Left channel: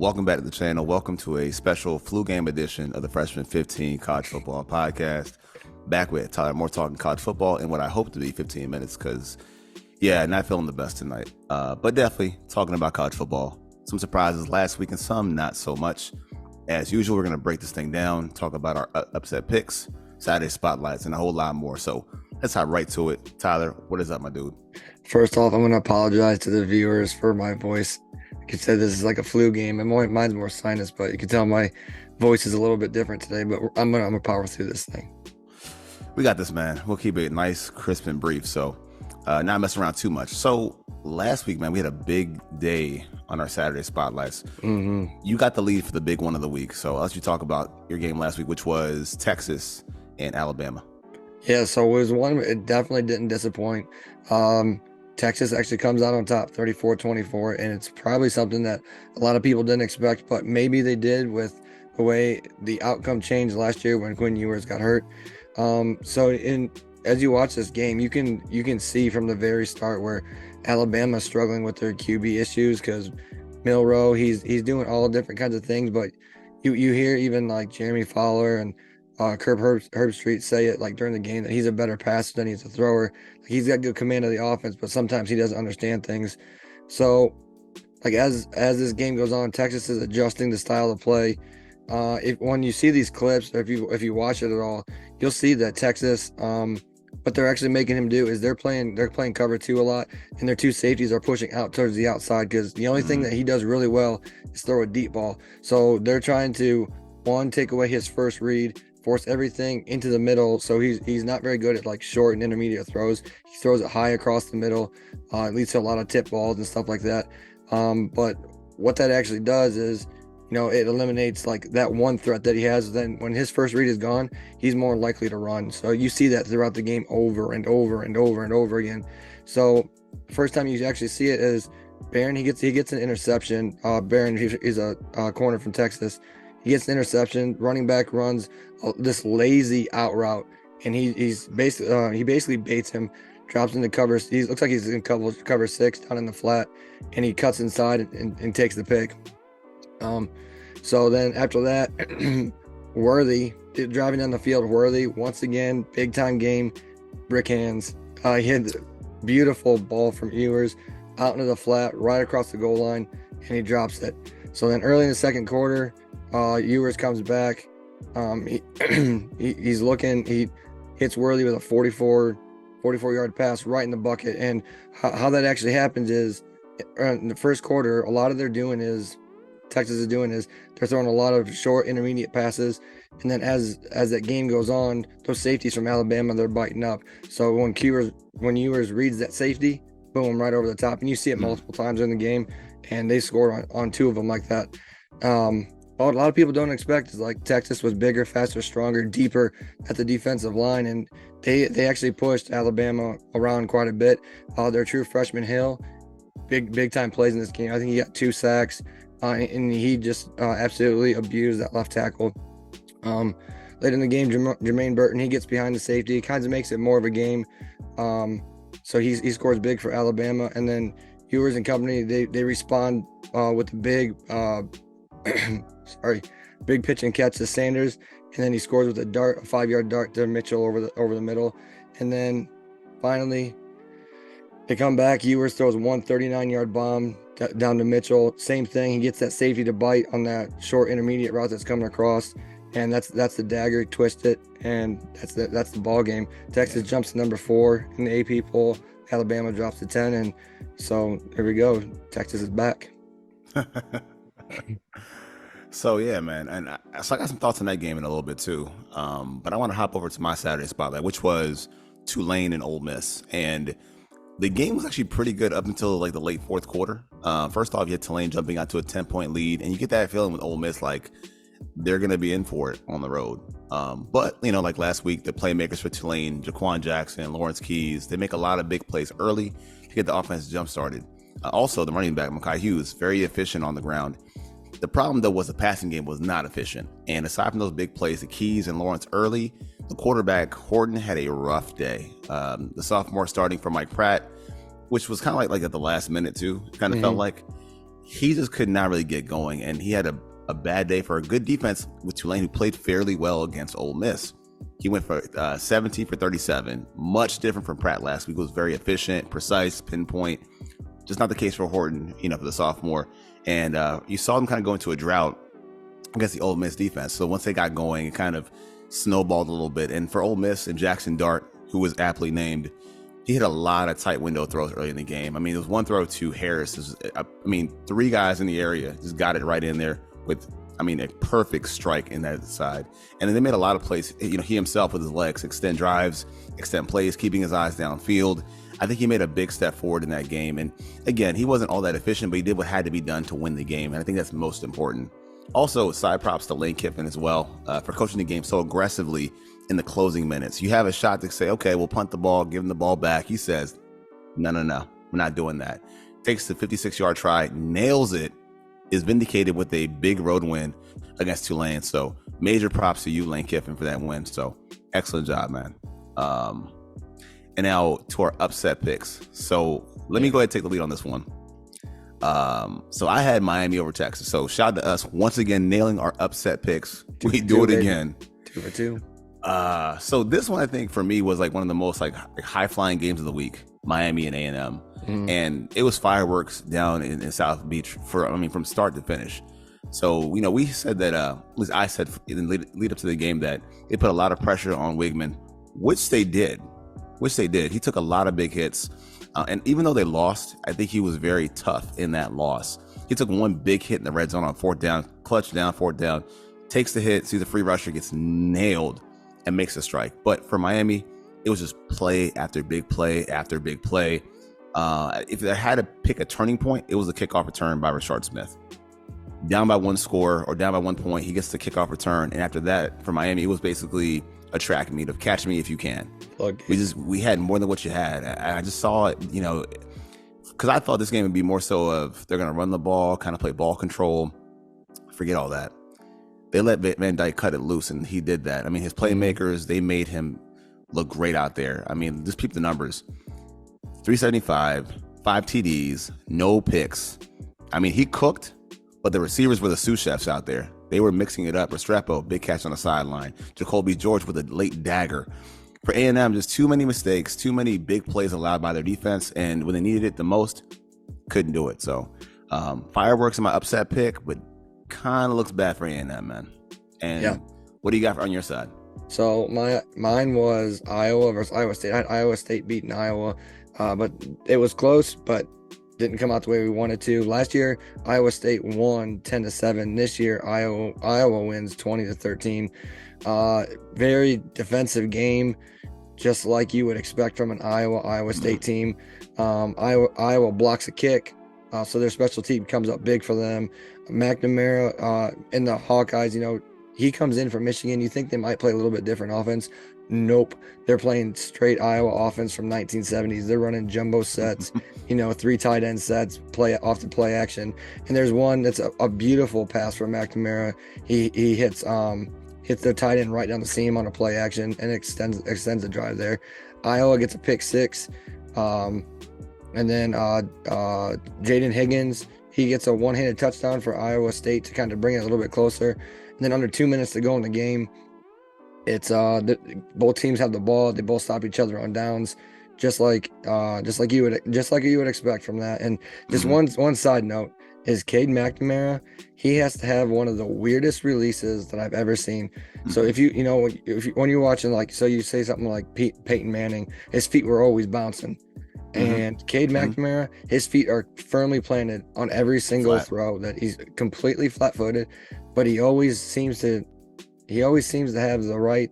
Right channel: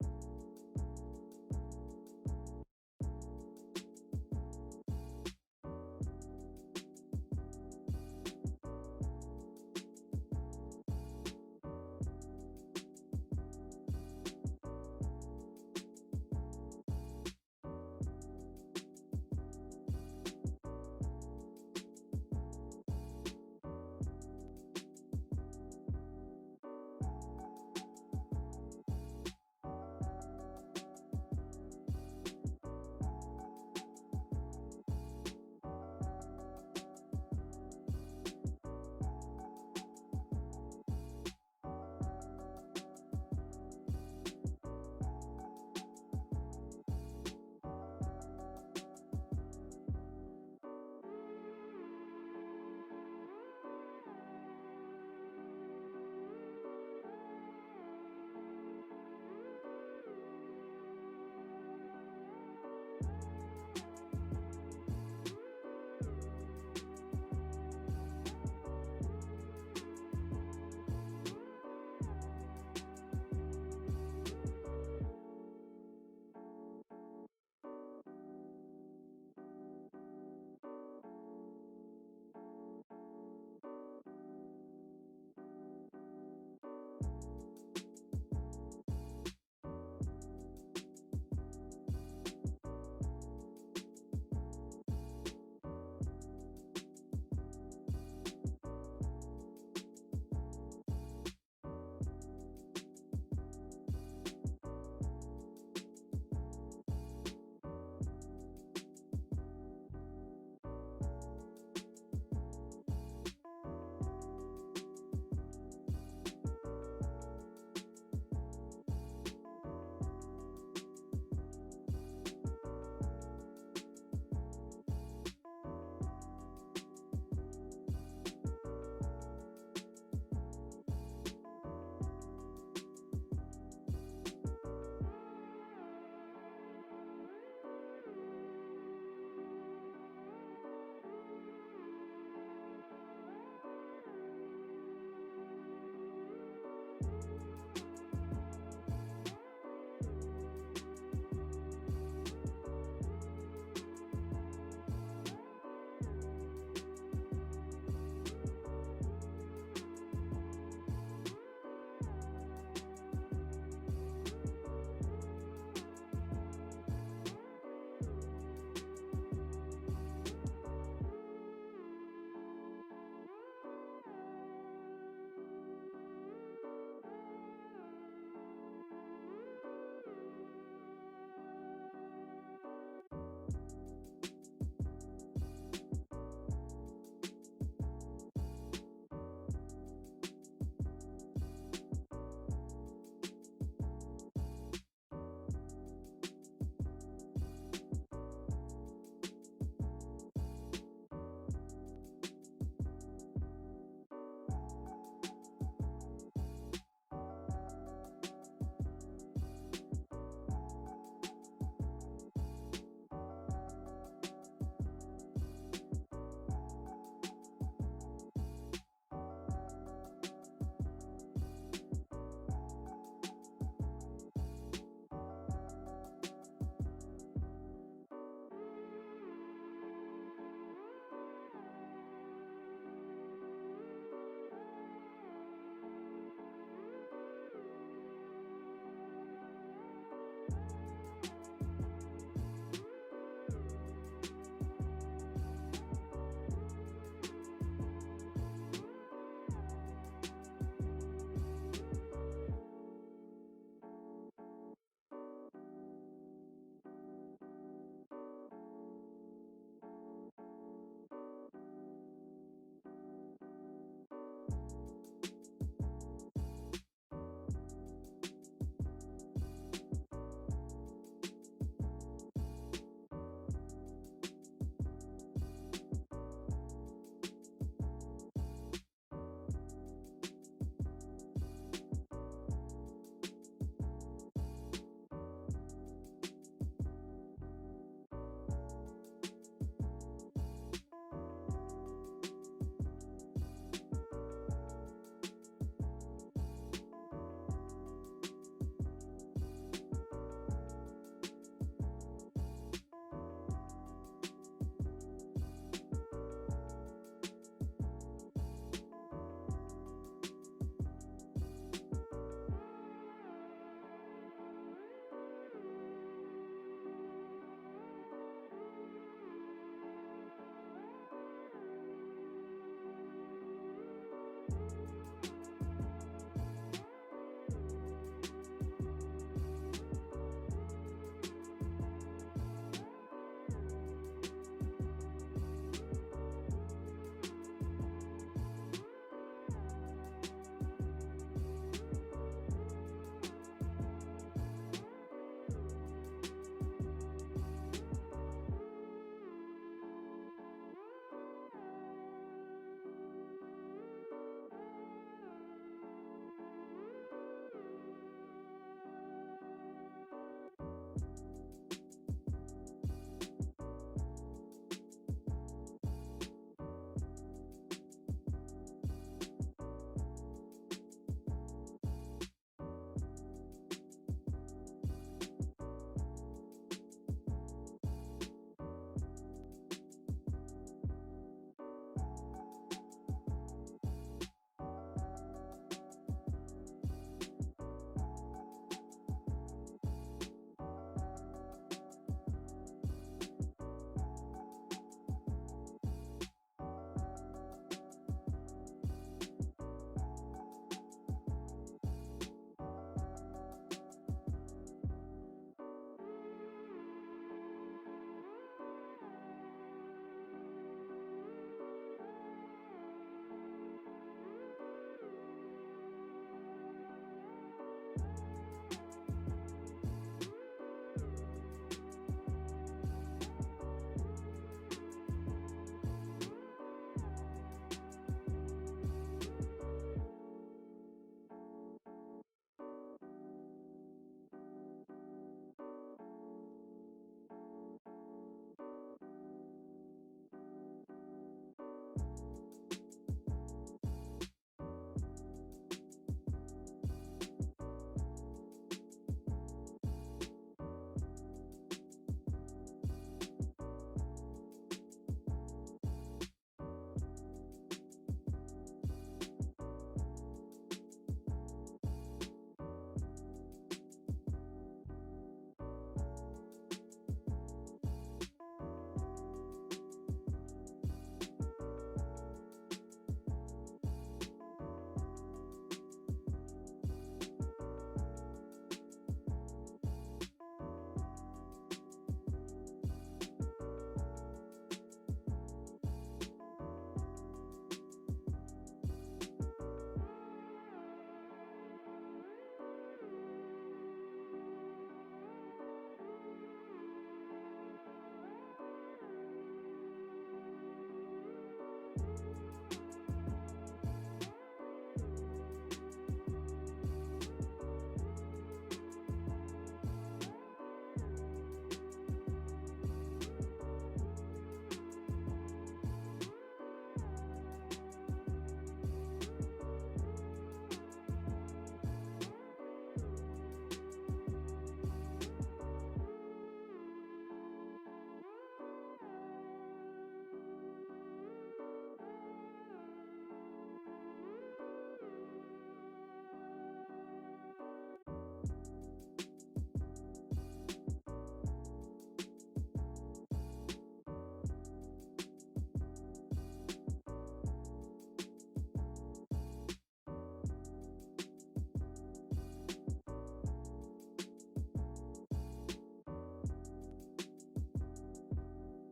Welcome back to the channel. Welcome to a special flu game edition of the Freshman 15 College Football Podcast. Back with Tyler Moore talking college football in what I hope to be 15 minutes because, not feeling the best tonight. But definitely talking about college football. Some surprises last week and some not so much. As usual, we're going to break this thing down, talk about our upset picks, Saturday spotlights, and a whole lot more. So let's hop right to it. Tyler, what is up, my dude? First off, I'm going to apologize to the viewers for my voice. Like you said, this is like a flu game, and mine's more sinus, but you can tell my voice is a little bit different today, but I'm gonna power through this thing. We got this, man. We'll keep it nice, crisp, and brief, so not mess around too much. So last week, man, we had a big day on our Saturday spotlights. You got the lead for the big one of the week, so I'll let you talk about your game last week, which was Texas and Alabama. Yeah, so it was one, it definitely didn't disappoint. Texas actually comes out on top 34-24, and it's probably something that a lot of people didn't expect, but maybe they did with the way the outcome changed last year when Quinn Ewers got hurt. As you watch this game, you can see from the very start where Alabama's struggling with their QB issues because Milroe, he's doing all different kinds of things, but you hear even like Jeremy Fowler and Herbstreit say it like during the game that he's a better passer than he's a thrower. He's got good command of the offense, but sometimes he doesn't understand things. So, like as this game goes on, Texas is adjusting the style of play. When you see these clips, or if you watch it at all, you'll see that Texas, what they're actually making him do is they're playing cover 2 a lot, and their 2 safeties are pushing out towards the outside because the only thing that he does really well is throw a deep ball. So they're trying to take away his first read, force everything into the middle, so he's not very good at like short and intermediate throws. He throws it high across the middle. It leads to a lot of tip balls and stuff like that. But what that actually does is, it eliminates like that one threat that he has. Then when his first read is gone, he's more likely to run. So you see that throughout the game over and over and over and over again. So first time you actually see it is Barron. He gets an interception. Barron, he's a corner from Texas. He gets an interception. Running back runs this lazy out route, and he basically baits him, drops into cover. He looks like he's in cover 6 down in the flat, and he cuts inside and takes the pick. So then after that, Worthy driving down the field. Worthy once again, big time game, brick hands. He hit a beautiful ball from Ewers out into the flat, right across the goal line, and he drops it. So then early in the second quarter, Ewers comes back. He's looking. He hits Worthy with a 44-yard pass right in the bucket. And how that actually happens is in the first quarter, a lot of Texas is doing is they're throwing a lot of short, intermediate passes. And then as that game goes on, those safeties from Alabama, they're biting up. So when Ewers reads that safety, boom, right over the top. And you see it multiple times in the game, and they scored on 2 of them like that. What a lot of people don't expect is like Texas was bigger, faster, stronger, deeper at the defensive line, and they actually pushed Alabama around quite a bit. Their true freshman Hill, big time plays in this game. I think he got 2 sacks, and he just absolutely abused that left tackle. Late in the game, Jermaine Burton, he gets behind the safety. It kind of makes it more of a game. So he scores big for Alabama, and then Ewers and company they respond with a big big pitch and catch to Sanders, and then he scores with a 5-yard dart to Mitchell over the middle. And then finally they come back. Ewers throws 139-yard bomb down to Mitchell. Same thing, he gets that safety to bite on that short intermediate route that's coming across, and that's the dagger. Twist it, and that's the ball game. Texas jumps to number 4 in the AP poll. Alabama drops to 10, and so here we go. Texas is back. So yeah, man, and so I got some thoughts on that game in a little bit too. But I want to hop over to my Saturday spotlight, which was Tulane and Ole Miss, and the game was actually pretty good up until like the late fourth quarter. First off, you had Tulane jumping out to a 10-point lead, and you get that feeling with Ole Miss like they're gonna be in for it on the road. But like last week, the playmakers for Tulane, Jaquan Jackson, Lawrence Keys, they make a lot of big plays early to get the offense jump started. Also, the running back Mekhi Hughes, very efficient on the ground. The problem, though, was the passing game was not efficient. And aside from those big plays, the Keys and Lawrence early, the quarterback, Horton, had a rough day. The sophomore starting for Mike Pratt, which was kind of like at the last minute, too, felt like. he just could not really get going, and he had a bad day for a good defense with Tulane, who played fairly well against Ole Miss. He went for 17 for 37, much different from Pratt last week. It was very efficient, precise, pinpoint. Just not the case for Horton, for the sophomore. And you saw them kind of go into a drought against the Ole Miss defense. So once they got going, it kind of snowballed a little bit. And for Ole Miss and Jackson Dart, who was aptly named, he hit a lot of tight window throws early in the game. I mean, there was one throw to Harris. Three guys in the area just got it right in there with, a perfect strike in that side. And then they made a lot of plays. He himself with his legs, extend drives, extend plays, keeping his eyes downfield. I think he made a big step forward in that game. And again, he wasn't all that efficient, but he did what had to be done to win the game. And I think that's most important. Also, side props to Lane Kiffin as well for coaching the game so aggressively in the closing minutes. You have a shot to say, okay, we'll punt the ball, give him the ball back. He says, no, we're not doing that. Takes the 56-yard try, nails it, is vindicated with a big road win against Tulane. So major props to you, Lane Kiffin, for that win. So excellent job, man. And now to our upset picks. So let me go ahead and take the lead on this one. So I had Miami over Texas. So shout out to us once again, nailing our upset picks. We do it again. 2 for 2. So this one, I think for me was like one of the most like high flying games of the week, Miami and A&M. And it was fireworks down in South Beach from start to finish. So, we said that, at least I said in the lead up to the game, that it put a lot of pressure on Wigman, which they did. He took a lot of big hits. And even though they lost, I think he was very tough in that loss. He took one big hit in the red zone on fourth down, clutch down, fourth down, takes the hit, sees the free rusher, gets nailed, and makes a strike. But for Miami, it was just play after big play after big play. If they had to pick a turning point, it was a kickoff return by Rashard Smith. Down by one score or down by 1 point, he gets the kickoff return. And after that, for Miami, it was basically a track meet of catch me if you can. Okay. We had more than what you had. I just saw it, because I thought this game would be more so of they're going to run the ball, kind of play ball control. Forget all that. They let Van Dyke cut it loose, and he did that. His playmakers, they made him look great out there. Just peep the numbers. 375, 5 TDs, no picks. He cooked, but the receivers were the sous chefs out there. They were mixing it up. Restrepo, big catch on the sideline. Jacoby George with a late dagger. For A&M, just too many mistakes, too many big plays allowed by their defense, and when they needed it the most, couldn't do it. So, fireworks in my upset pick, but kind of looks bad for A&M, man. And yeah. What do you got on your side? So mine was Iowa versus Iowa State. I had Iowa State beating Iowa, but it was close, but didn't come out the way we wanted to. Last year, Iowa State won 10-7. This year, Iowa wins 20-13. Very defensive game, just like you would expect from an Iowa State team. Iowa blocks a kick, so their special team comes up big for them. McNamara and the Hawkeyes, he comes in from Michigan. You think they might play a little bit different offense. Nope. They're playing straight Iowa offense from 1970s. They're running jumbo sets, 3 tight end sets, play off the play action. And there's one that's a beautiful pass from McNamara. He hits their tight end right down the seam on a play action and extends the drive there. Iowa gets a pick 6. And then Jaden Higgins, he gets a one-handed touchdown for Iowa State to kind of bring it a little bit closer. And then under 2 minutes to go in the game, it's both teams have the ball. They both stop each other on downs, just like you would expect from that. And just one side note is Cade McNamara. He has to have one of the weirdest releases that I've ever seen. So if when you're watching, so you say something like Peyton Manning, his feet were always bouncing. And Cade McNamara, his feet are firmly planted on every single throw. That he's completely flat-footed, but he always seems to have the right,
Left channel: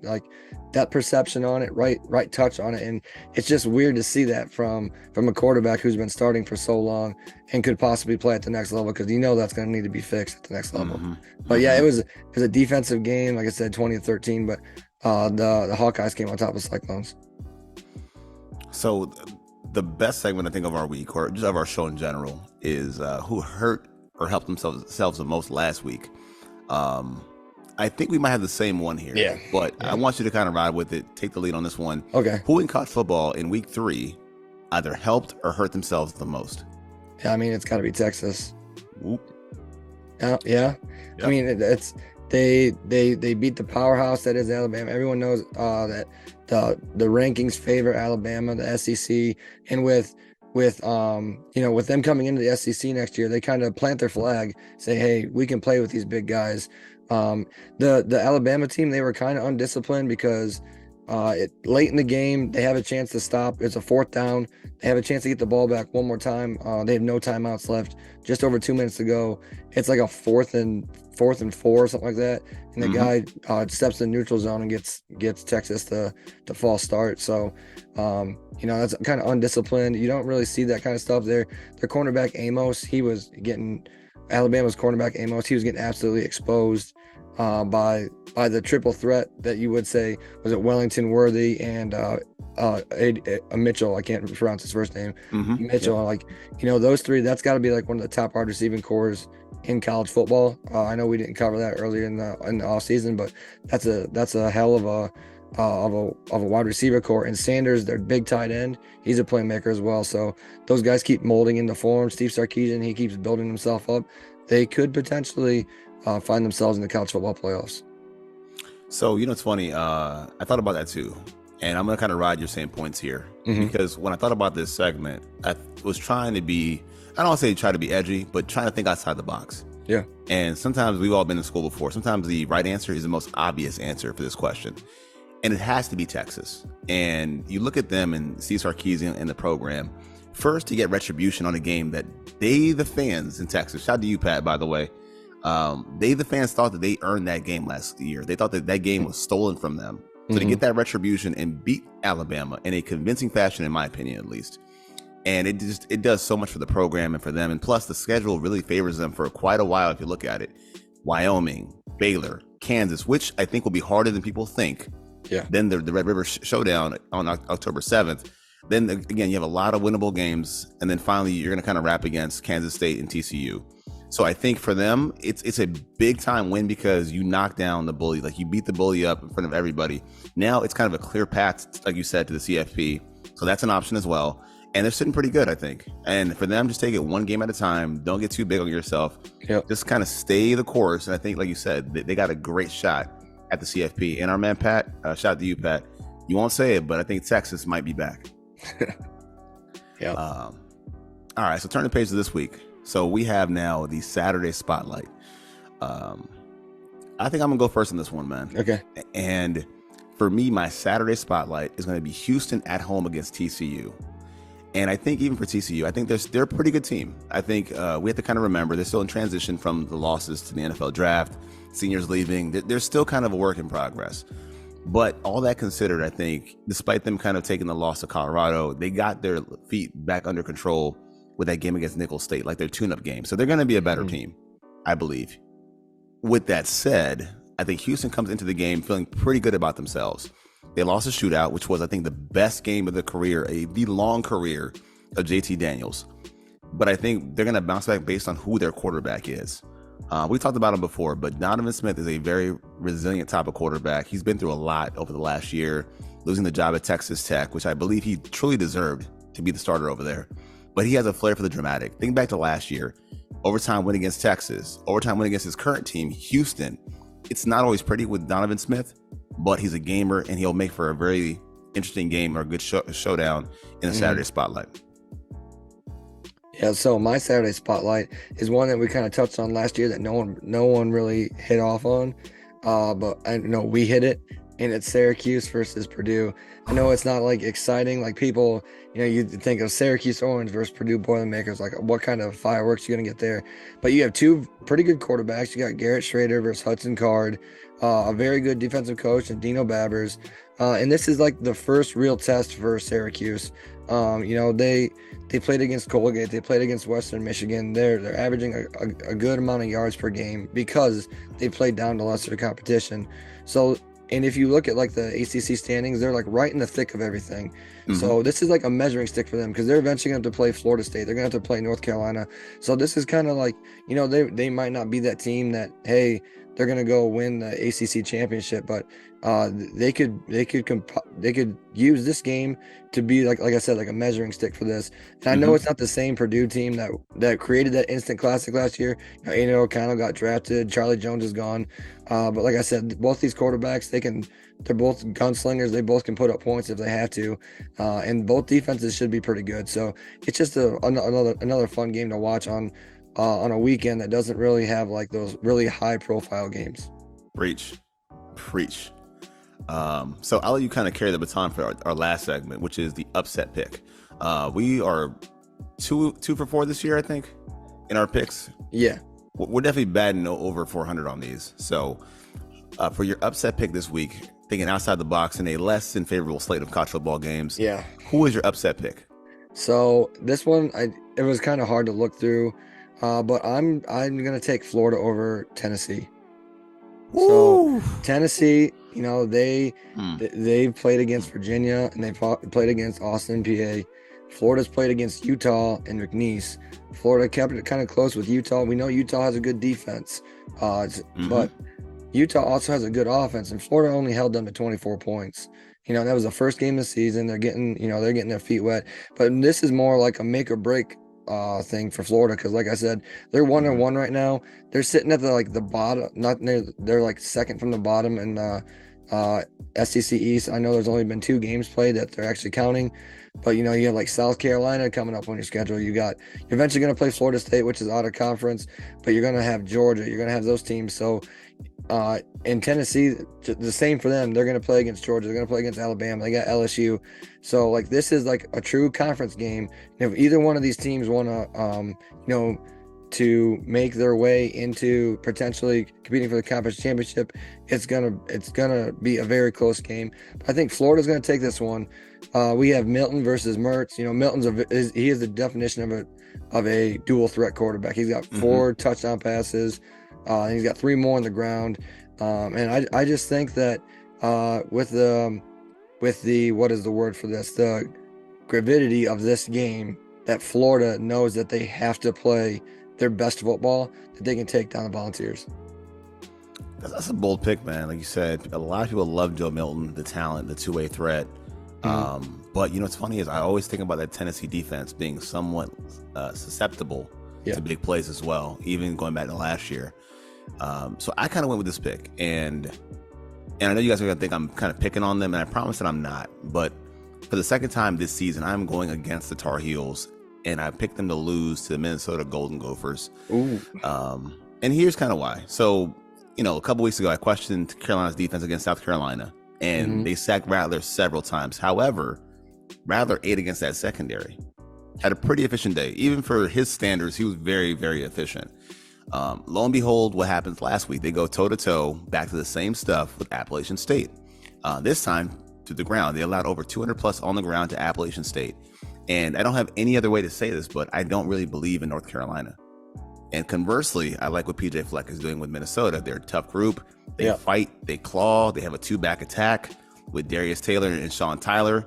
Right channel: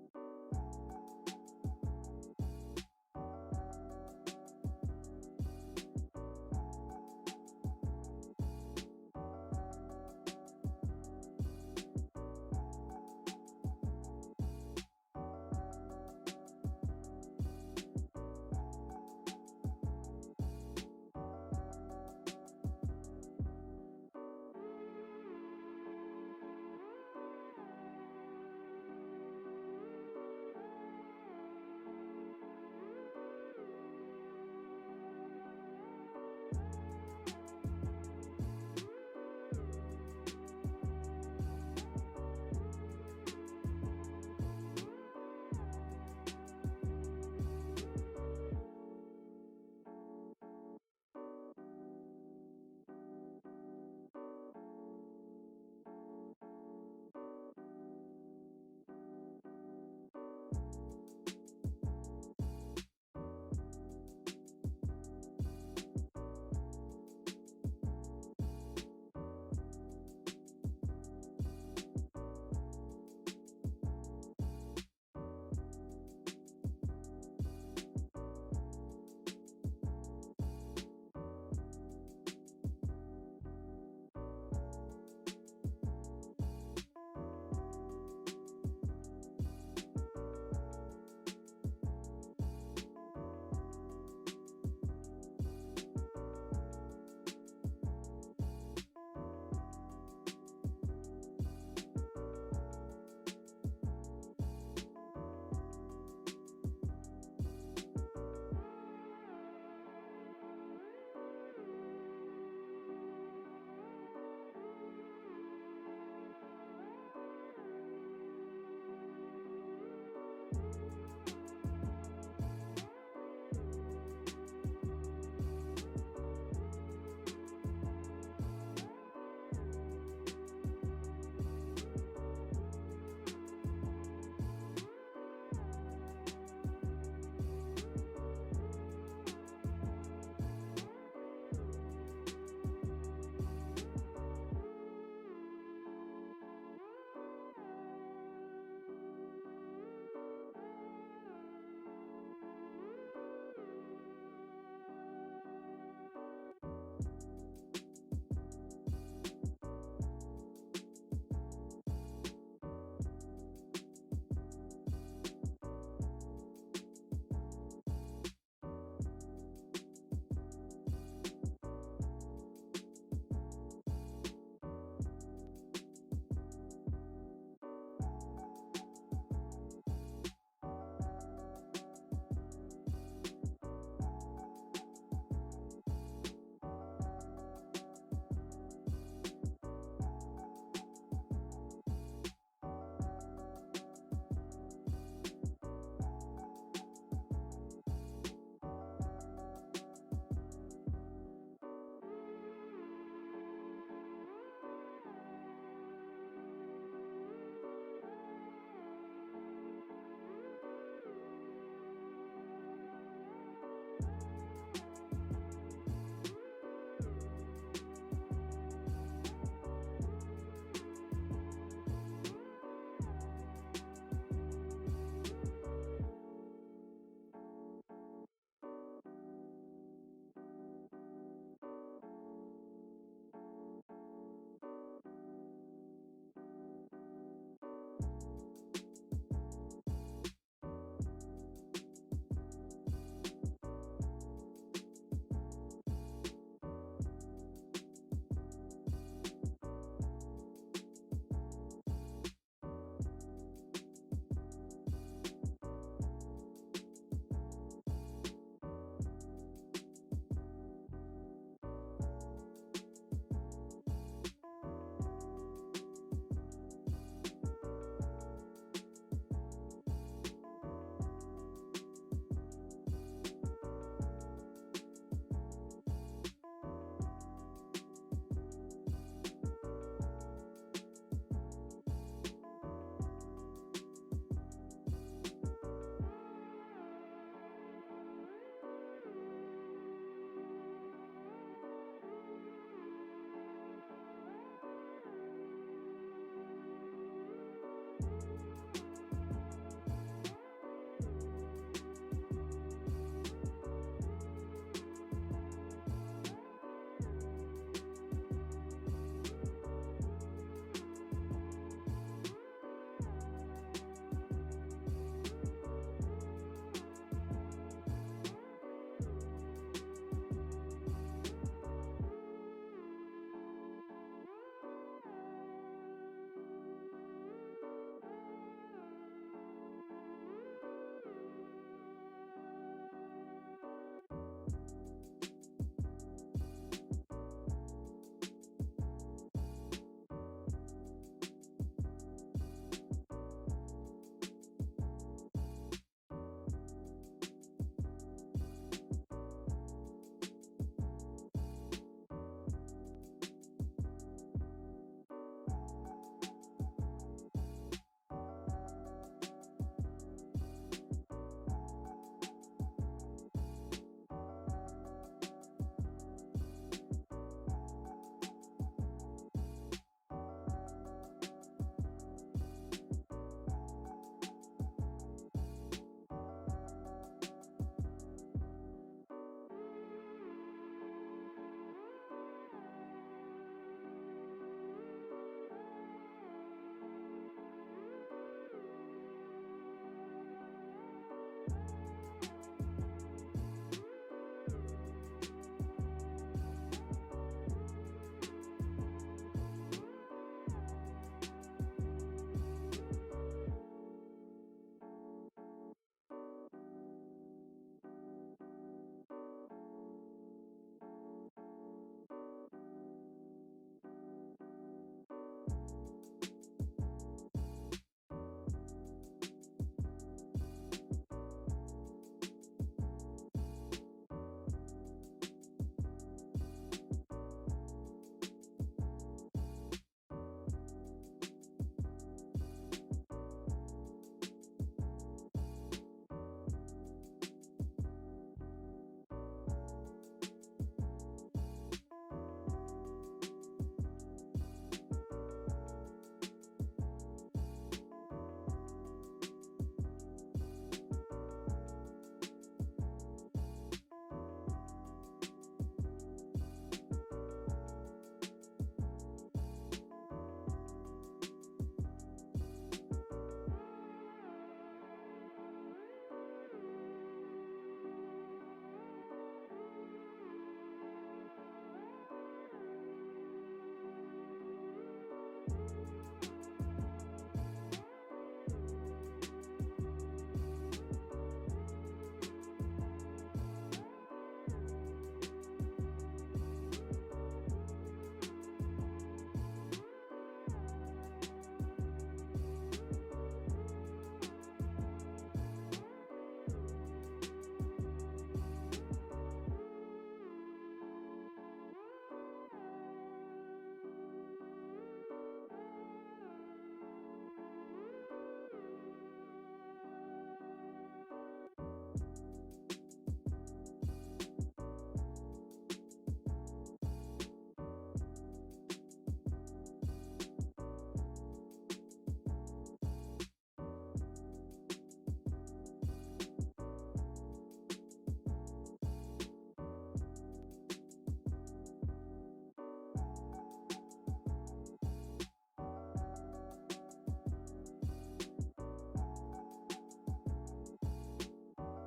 that perception on it, right touch on it. And it's just weird to see that from a quarterback who's been starting for so long and could possibly play at the next level, because that's going to need to be fixed at the next level. But yeah, it was a defensive game, like I said, 20-13, but the Hawkeyes came on top of Cyclones. So the best segment I think of our week, or just of our show in general, is who hurt or helped themselves the most last week. I think we might have the same one here. Yeah. But I want you to kind of ride with it, take the lead on this one. Okay. Who in college football in week 3 either helped or hurt themselves the most? Yeah, it's got to be Texas. Whoop. Yeah. I Yep. mean, it's they beat the powerhouse that is Alabama. Everyone knows that the rankings favor Alabama, the SEC, and with them coming into the SEC next year, they kind of plant their flag, say, hey, we can play with these big guys. The Alabama team, they were kind of undisciplined because late in the game they have a chance to stop. It's a 4th down. They have a chance to get the ball back one more time. They have no timeouts left. Just over 2 minutes to go. It's like a fourth and 4, something like that. And the guy steps in the neutral zone and gets Texas to false start. So, that's kind of undisciplined. You don't really see that kind of stuff there. Their cornerback Amos, Alabama's cornerback Amos, he was getting absolutely exposed by the triple threat that you would say was it Wellington, Worthy, and a Mitchell. I can't pronounce his first name. Mitchell. Yeah. Those three. That's got to be like one of the top wide receiving cores in college football. I know we didn't cover that earlier in the off season, but that's a hell of a wide receiver core. And Sanders, their big tight end, he's a playmaker as well. So those guys keep molding into form. Steve Sarkisian, he keeps building himself up. They could potentially find themselves in the college football playoffs. So, it's funny. I thought about that too. And I'm going to kind of ride your same points here. Because when I thought about this segment, I was trying to be, I don't want to say try to be edgy, but trying to think outside the box. Yeah. And sometimes we've all been in school before. Sometimes the right answer is the most obvious answer for this question. And it has to be Texas. And you look at them and Steve Sarkisian and the program. First, to get retribution on a game that they, the fans in Texas, shout out to you, Pat, by the way. The fans thought that they earned that game last year. They thought that game was stolen from them. So to get that retribution and beat Alabama in a convincing fashion, in my opinion, at least. And it does so much for the program and for them. And plus the schedule really favors them for quite a while. If you look at it, Wyoming, Baylor, Kansas, which I think will be harder than people think. Yeah. Then the Red River Showdown on October 7th. Then again, you have a lot of winnable games. And then finally, you're going to kind of wrap against Kansas State and TCU. So I think for them, it's a big time win because you knock down the bully. Like you beat the bully up in front of everybody. Now it's kind of a clear path, like you said, to the CFP. So that's an option as well. And they're sitting pretty good, I think. And for them, just take it one game at a time. Don't get too big on yourself. Yep. Just kind of stay the course. And I think, like you said, they got a great shot at the CFP. And our man, Pat, shout out to you, Pat. You won't say it, but I think Texas might be back. Yeah. All right, so turn the page to this week. So we have now the Saturday Spotlight. I think I'm going to go first in this one, man. Okay. And for me, my Saturday Spotlight is going to be Houston at home against TCU. And I think even for TCU, I think they're a pretty good team. I think we have to kind of remember they're still in transition from the losses to the NFL draft, seniors leaving. They're still kind of a work in progress. But all that considered, I think, despite them kind of taking the loss to Colorado, they got their feet back under control with that game against Nicholls State, like their tune-up game. So they're going to be a better team, I believe. With that said, I think Houston comes into the game feeling pretty good about themselves. They lost a shootout, which was, I think, the best game of the career, the long career of JT Daniels. But I think they're going to bounce back based on who their quarterback is. We talked about him before, but Donovan Smith is a very resilient type of quarterback. He's been through a lot over the last year, losing the job at Texas Tech, which I believe he truly deserved to be the starter over there. But he has a flair for the dramatic. Think back to last year. Overtime win against Texas. Overtime win against his current team, Houston. It's not always pretty with Donovan Smith, but he's a gamer, and he'll make for a very interesting game or a good showdown in the Saturday Spotlight. Yeah, so my Saturday Spotlight is one that we kind of touched on last year that no one really hit off on, but I know we hit it, and it's Syracuse versus Purdue. I know it's not like exciting, like people, you think of Syracuse Orange versus Purdue Boilermakers, like what kind of fireworks you're gonna get there. But you have two pretty good quarterbacks. You got Garrett Schrader versus Hudson Card, a very good defensive coach, and Dino Babbers. And this is like the first real test for Syracuse. They played against Colgate, they played against Western Michigan. They're averaging a good amount of yards per game because they played down to lesser competition. So, and if you look at like the ACC standings, they're like right in the thick of everything. So this is like a measuring stick for them because they're eventually going to have to play Florida State. They're going to have to play North Carolina. So this is kind of like, they might not be that team that, hey, they're going to go win the ACC championship, but they could use this game to be like I said, like a measuring stick for this. And I know it's not the same Purdue team that created that instant classic last year. Aiden O'Connell got drafted, Charlie Jones is gone, but like I said, both these quarterbacks, they're both gunslingers. They both can put up points if they have to, and both defenses should be pretty good. So it's just another fun game to watch on a weekend that doesn't really have like those really high profile games. Preach. So I'll let you kind of carry the baton for our last segment, which is the upset pick. We are two for 4 this year, I think, in our picks. Yeah, we're definitely batting over 400 on these. So for your upset pick this week, thinking outside the box in a less than favorable slate of college football games, who is your upset pick? So this one, it was kind of hard to look through, but I'm gonna take Florida over Tennessee. Woo! So Tennessee, you know, they played against Virginia and they played against Austin, PA. Florida's played against Utah and McNeese. Florida kept it kind of close with Utah. We know Utah has a good defense, but Utah also has a good offense, and Florida only held them to 24 points. You know, that was the first game of the season. They're getting their feet wet, but this is more like a make or break thing for Florida, because like I said, they're 1-1 right now. They're sitting at the bottom, not near, they're like second from the bottom in SEC East. I know there's only been 2 games played that they're actually counting, but you know, you have like South Carolina coming up on your schedule. You're eventually going to play Florida State, which is out of conference, but you're going to have Georgia. You're going to have those teams. So in Tennessee, the same for them. They're going to play against Georgia. They're going to play against Alabama. They got LSU. So like, this is like a true conference game. If either one of these teams want to, to make their way into potentially competing for the conference championship, it's gonna be a very close game. I think Florida's gonna take this one. We have Milton versus Mertz. You know, Milton's he is the definition of a dual threat quarterback. He's got 4 touchdown passes. And he's got 3 more on the ground. And I just think that with the what is the word for this? The gravidity of this game, that Florida knows that they have to play their best football, that they can take down the Volunteers. That's a bold pick, man. Like you said, a lot of people love Joe Milton, the talent, the two-way threat. But you know what's funny is I always think about that Tennessee defense being somewhat susceptible to big plays as well, even going back to last year. So I kind of went with this pick, and I know you guys are gonna think I'm kind of picking on them, and I promise that I'm not. But for the second time this season, I'm going against the Tar Heels, and I picked them to lose to the Minnesota Golden Gophers. Ooh. And here's kind of why. So, you know, a couple weeks ago, I questioned Carolina's defense against South Carolina, and they sacked Rattler several times. However, Rattler ate against that secondary. Had a pretty efficient day. Even for his standards, he was very, very efficient. Lo and behold, what happens last week? They go toe-to-toe, back to the same stuff with Appalachian State. This time, to the ground. They allowed over 200 plus on the ground to Appalachian State. And I don't have any other way to say this, but I don't really believe in North Carolina. And conversely, I like what PJ Fleck is doing with Minnesota. They're a tough group. They fight, they claw, they have a 2-back attack with Darius Taylor and Sean Tyler,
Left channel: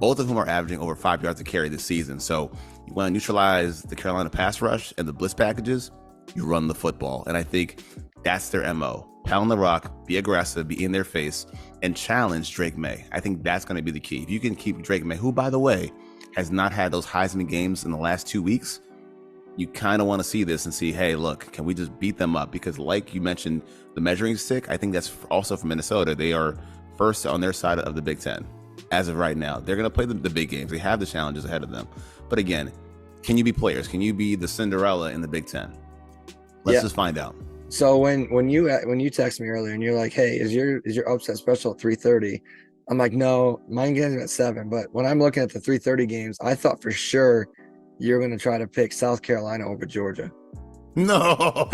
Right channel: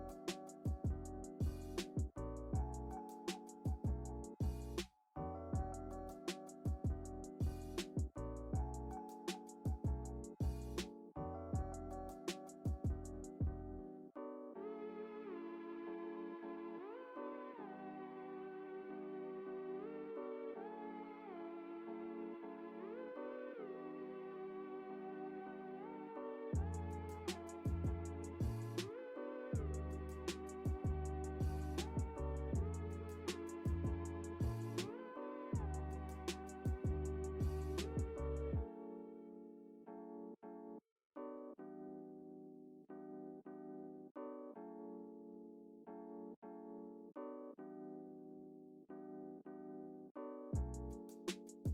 both of whom are averaging over 5 yards a carry this season. So you want to neutralize the Carolina pass rush and the blitz packages, you run the football. And I think that's their MO. Pound the rock, be aggressive, be in their face, and challenge Drake May. I think that's going to be the key. If you can keep Drake May, who, by the way, has not had those Heisman games in the last 2 weeks, you kind of want to see this and see, hey, look, can we just beat them up? Because like you mentioned, the measuring stick, I think that's also for Minnesota. They are first on their side of the Big Ten as of right now. They're going to play the big games. They have the challenges ahead of them. But again, can you be players? Can you be the Cinderella in the Big Ten? Let's just find out. So when you text me earlier and you're like, hey, is your upset special at 3:30? I'm like, no, mine gets at 7. But when I'm looking at the 3:30 games, I thought for sure you're going to try to pick South Carolina over Georgia. No.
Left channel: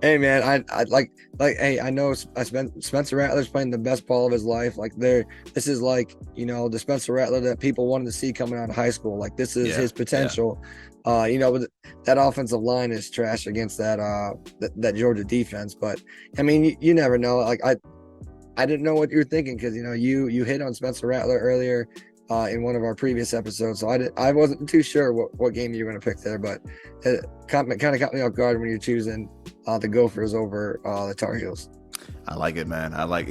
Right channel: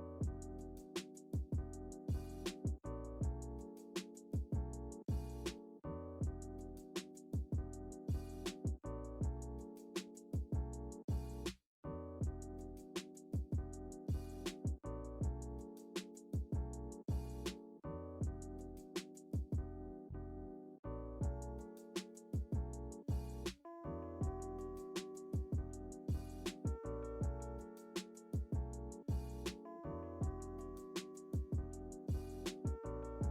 Hey man, I like hey, I know Spencer Rattler's playing the best ball of his life. Like this is like, you know, the Spencer Rattler that people wanted to see coming out of high school. Like this is his potential. You know, but that offensive line is trash against that Georgia defense. But I mean, you never know. Like I didn't know what you were thinking, because you know you hit on Spencer Rattler earlier in one of our previous episodes, so I wasn't too sure what game you were going to pick there, but it kind of caught me off guard when you're choosing the Gophers over the Tar Heels. I like it, man. I like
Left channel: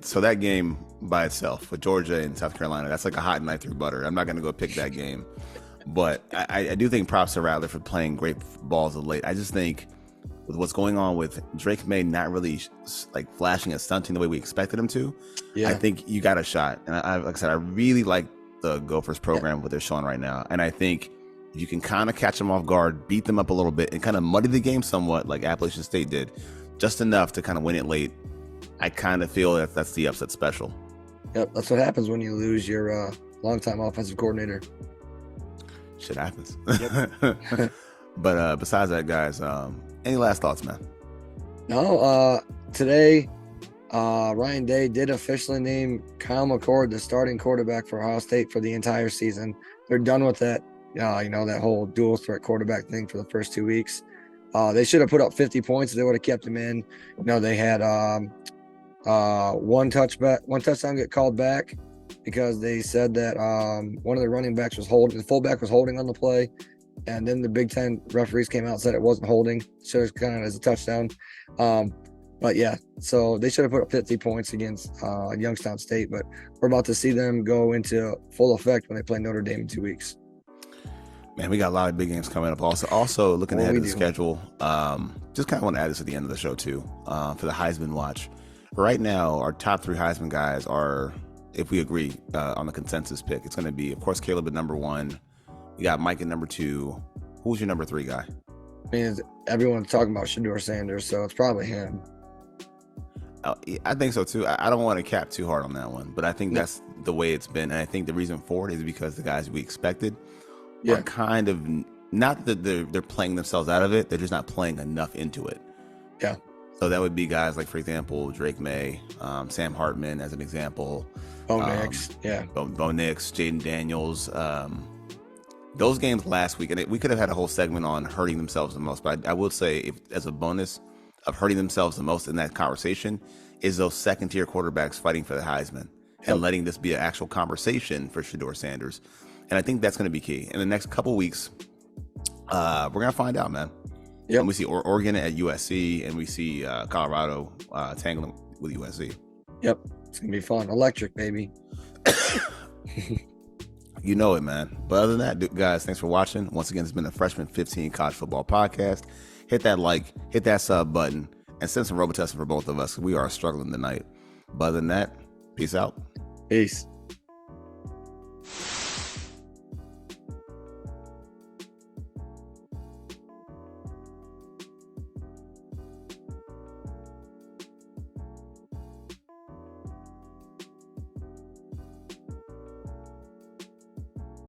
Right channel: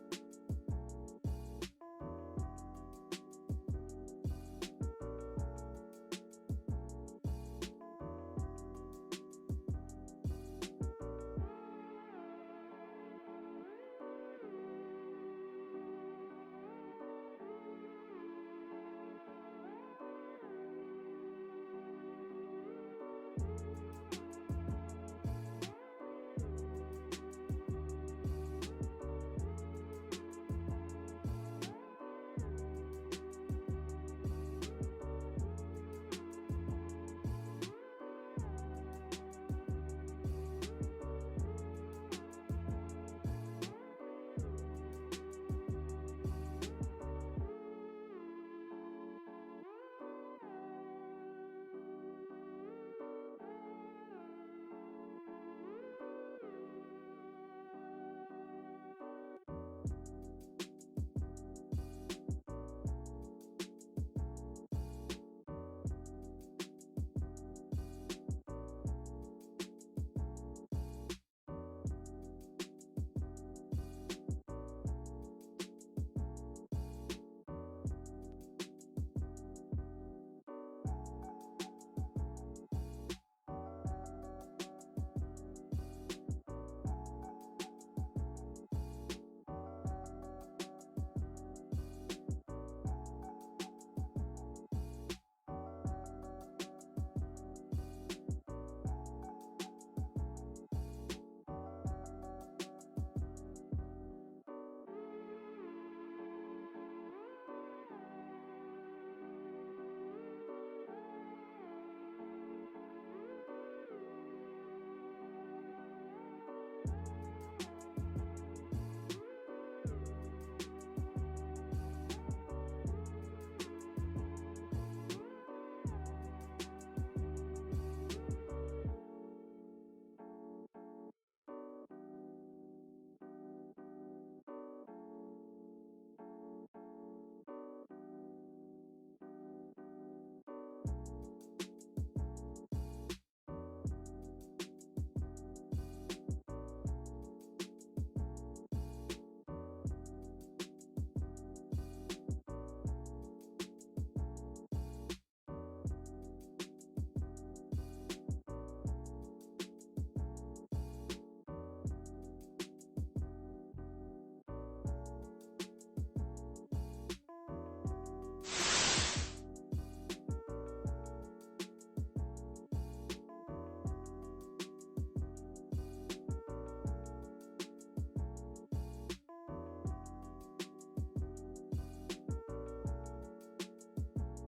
so that game by itself with Georgia and South Carolina, that's like a hot knife through butter. I'm not going to go pick that game, but I do think props to Rattler for playing great balls of late. I just think with what's going on with Drake May not really like flashing and stunting the way we expected him to, I think you got a shot. And like I said, I really like the Gophers program, what they're showing right now. And I think if you can kind of catch them off guard, beat them up a little bit, and kind of muddy the game somewhat like Appalachian State did, just enough to kind of win it late, I kind of feel that that's the upset special. Yep, that's what happens when you lose your longtime offensive coordinator. Shit happens. Yep. But besides that, guys, any last thoughts, man? No, today, Ryan Day did officially name Kyle McCord the starting quarterback for Ohio State for the entire season. They're done with that, that whole dual threat quarterback thing for the first 2 weeks. They should have put up 50 points if they would have kept him in. They had one touchdown get called back because they said that one of the running backs was holding, the fullback was holding on the play, and then the Big Ten referees came out and said it wasn't holding, so it's kind of as a touchdown. But yeah, so they should have put up 50 points against Youngstown State, but we're about to see them go into full effect when they play Notre Dame in 2 weeks. Man, we got a lot of big games coming up. Also looking ahead at the schedule, just kind of want to add this at the end of the show too, for the Heisman watch. Right now, our top 3 Heisman guys are, if we agree on the consensus pick, it's going to be, of course, Caleb at number 1. You got Mike at number 2. Who's your number 3 guy? I mean, everyone's talking about Shedeur Sanders, so it's probably him. I think so too. I don't want to cap too hard on that one, but I think that's the way it's been. And I think the reason for it is because the guys we expected are kind of, not that they're playing themselves out of it, they're just not playing enough into it. Yeah. So that would be guys like, for example, Drake May, Sam Hartman as an example. Bo Nix, Bo Nix, Jaden Daniels. Those games last week, and we could have had a whole segment on hurting themselves the most, but I will say, if, as a bonus of hurting themselves the most in that conversation, is those second-tier quarterbacks fighting for the Heisman and letting this be an actual conversation for Shedeur Sanders. And I think that's going to be key. In the next couple weeks, we're going to find out, man. Yep. And we see Oregon at USC, and we see Colorado tangling with USC. Yep, it's going to be fun. Electric, baby. You know it, man. But other than that, guys, thanks for watching. Once again, it's been the Freshman 15 College Football Podcast. Hit that like, hit that sub button, and send some Robitussin for both of us. We are struggling tonight. But other than that, peace out. Peace.